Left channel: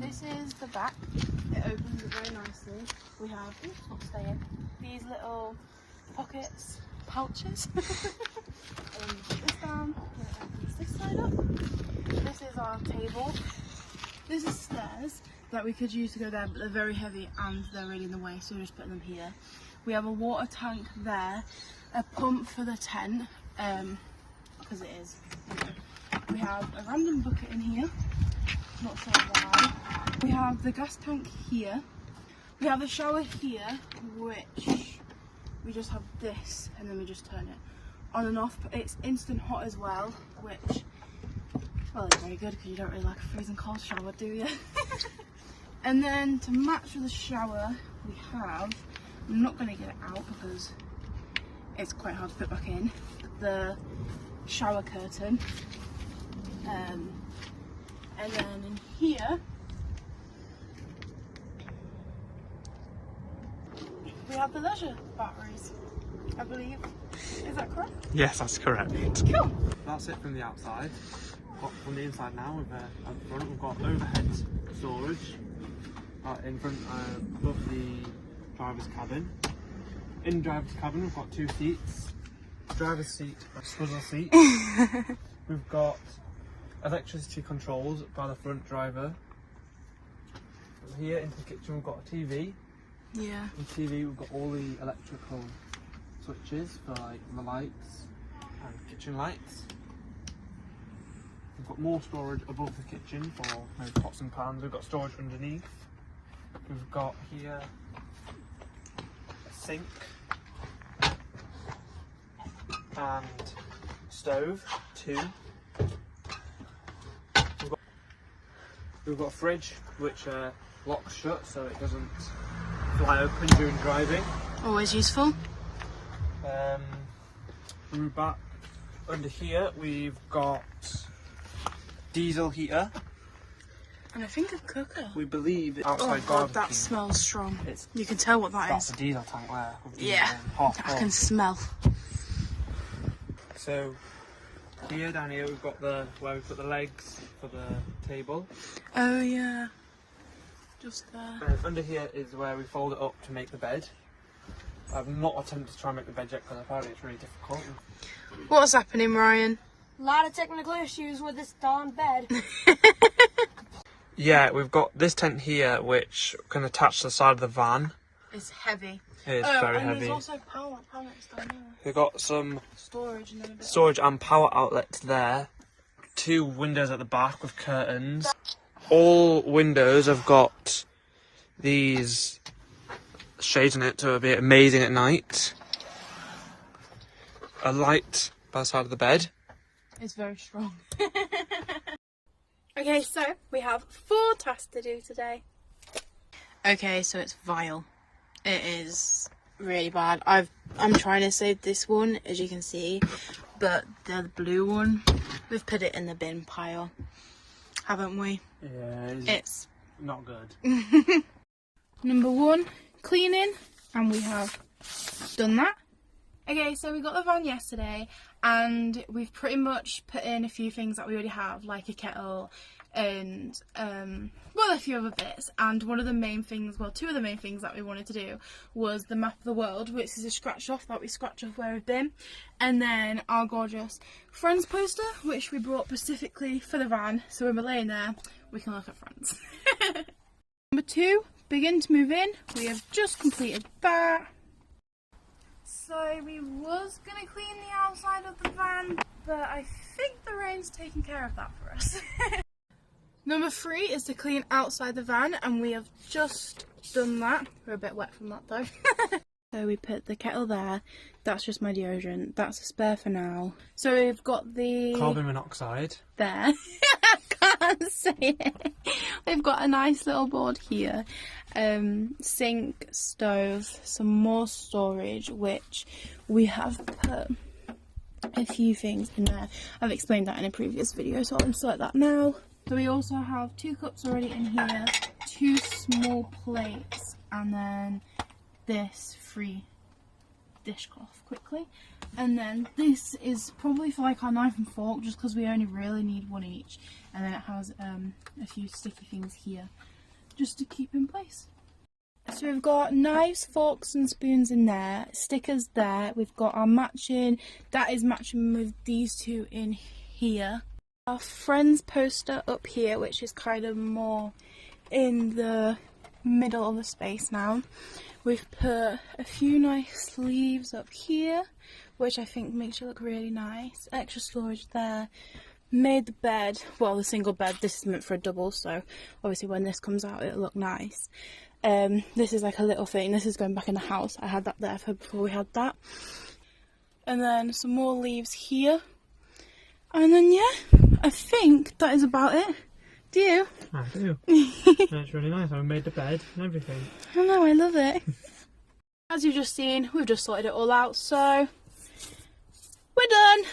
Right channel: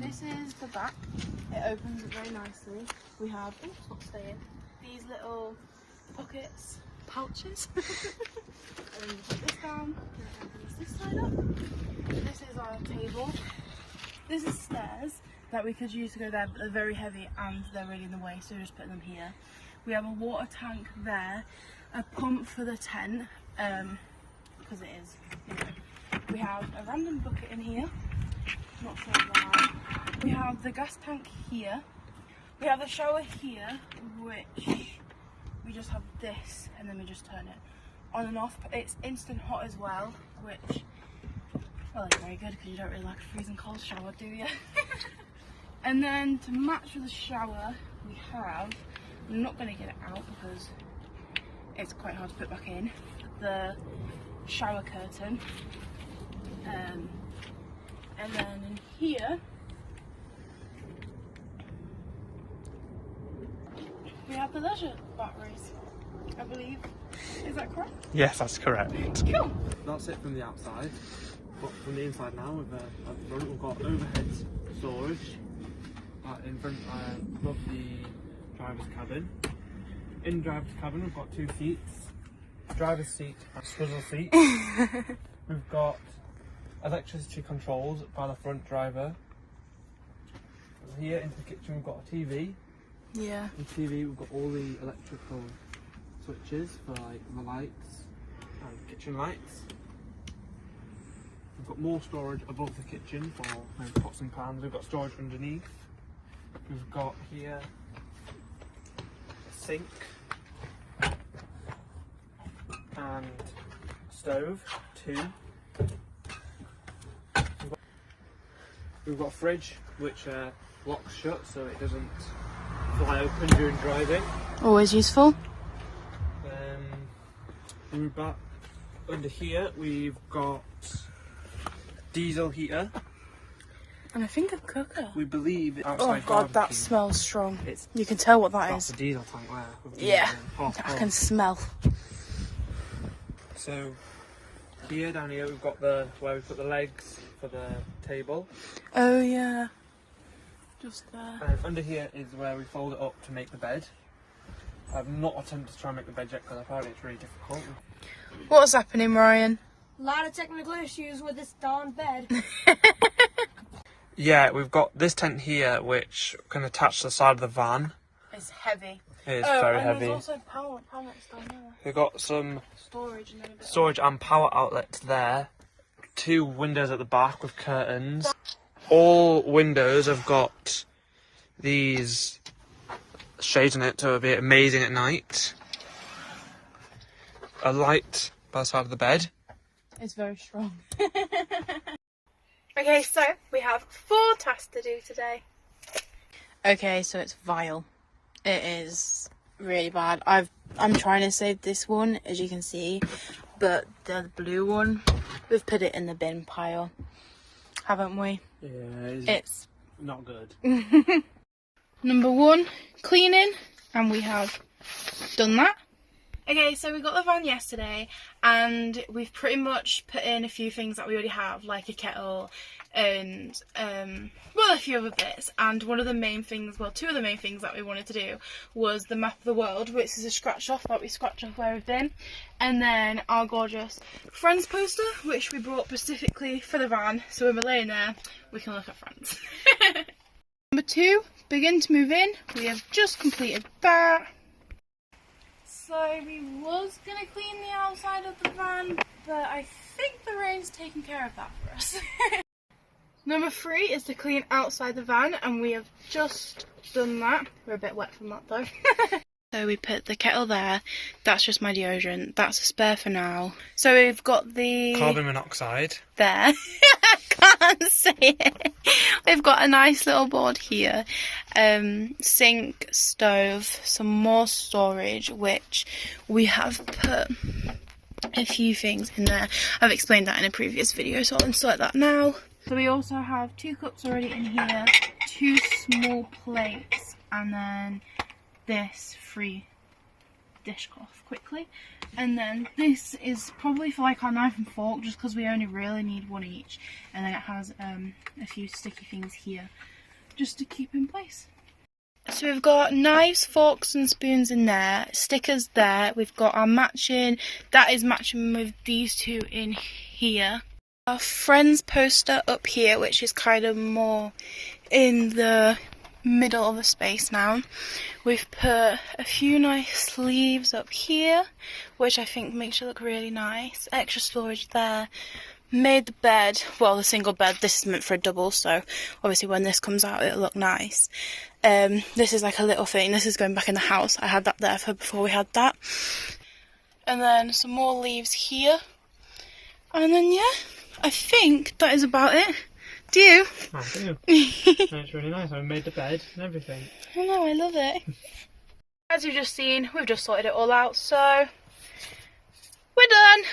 this is the back. It opens it very nicely. We have, oh, it's not staying, these little pockets, pouches. And you put this down, and it opens this side up. This is our table. This is stairs that we could use to go there, but they're very heavy and they're really in the way, so we're just putting them here. We have a water tank there, a pump for the tent, because it is. We have a random bucket in here, not sure why. We have the gas tank here. We have a shower here, which we just have this and then we just turn it on and off. It's instant hot as well, which, well, it's very good because you don't really like a freezing cold shower, do you? And then to match with the shower, we have, I'm not going to get it out because it's quite hard to put back in, the shower curtain. And then in here, we have the leisure batteries, I believe. Is that correct? Yes, that's correct. Cool. That's it from the outside. But from the inside now, on the front, we've got overhead storage in front above the driver's cabin. In the driver's cabin, we've got 2 seats. Driver's seat, a swivel seat. We've got electricity controls by the front driver. Here into the kitchen, we've got a TV. Yeah. In TV, we've got all the electrical switches for like the lights and kitchen lights. We've got more storage above the kitchen for maybe pots and pans. We've got storage underneath. We've got here a sink and stove, 2. We've got a fridge which locks shut so it doesn't fly open during driving. Always useful. We're back under here. We've got diesel heater. And I think of cooker. We believe it's outside. Oh god, that smells strong. You can tell what that that's is. the diesel tank there. Yeah, I can smell. So here, down here, we've got where we put the legs for the table. Oh yeah. Just there. And under here is where we fold it up to make the bed. I've not attempted to try and make the bed yet because apparently it's really difficult. What's happening, Ryan? A lot of technical issues with this darn bed. Yeah, we've got this tent here which can attach to the side of the van. It's heavy. It is very heavy. There's also power outlets down there. We've got some Storage and then a bit storage and power outlets there. 2 windows at the back with curtains. All windows have got these shades in it to be amazing at night. A light by the side of the bed. It's very strong. Okay, so we have 4 tasks to do today. Okay, so it's vile. It is really bad. I'm trying to save this one, as you can see, but the blue one, we've put it in the bin pile, haven't we? Yeah, it's not good. Number 1, cleaning, and we have done that. Okay, so we got the van yesterday and we've pretty much put in a few things that we already have, like a kettle and well, a few other bits. And one of the main things, well, 2 of the main things that we wanted to do was the map of the world, which is a scratch off that we scratch off where we've been, and then our gorgeous Friends poster, which we brought specifically for the van, so when we're laying there we can look at Friends. Number 2, begin to move in. We have just completed that. So we was going to clean the outside of the van, but I think the rain's taken care of that for us. Number 3 is to clean outside the van, and we have just done that. We're a bit wet from that though. So we put the kettle there. That's just my deodorant. That's a spare for now. So we've got the carbon monoxide there. I can't say it. We've got a nice little board here. Sink, stove, some more storage, which we have put a few things in there. I've explained that in a previous video, so I'll insert that now. So we also have 2 cups already in here, 2 small plates, and then this dishcloth quickly. And then this is probably for like our knife and fork, just because we only really need one each. And then it has a few sticky things here just to keep in place. So we've got knives, forks and spoons in there, stickers there, we've got our matching, that is matching with these two in here. Our friends poster up here, which is kind of more in the middle of the space now. We've put a few nice sleeves up here, which I think makes it look really nice. Extra storage there. Made the bed, well, the single bed, this is meant for a double, so obviously when this comes out it'll look nice. This is like a little thing, this is going back in the house. I had that there for before we had that. And then some more leaves here. And then yeah, I think that is about it. Do you? I do. It's really nice. I made the bed and everything. I know, I love it. As you've just seen, we've just sorted it all out, so we're done.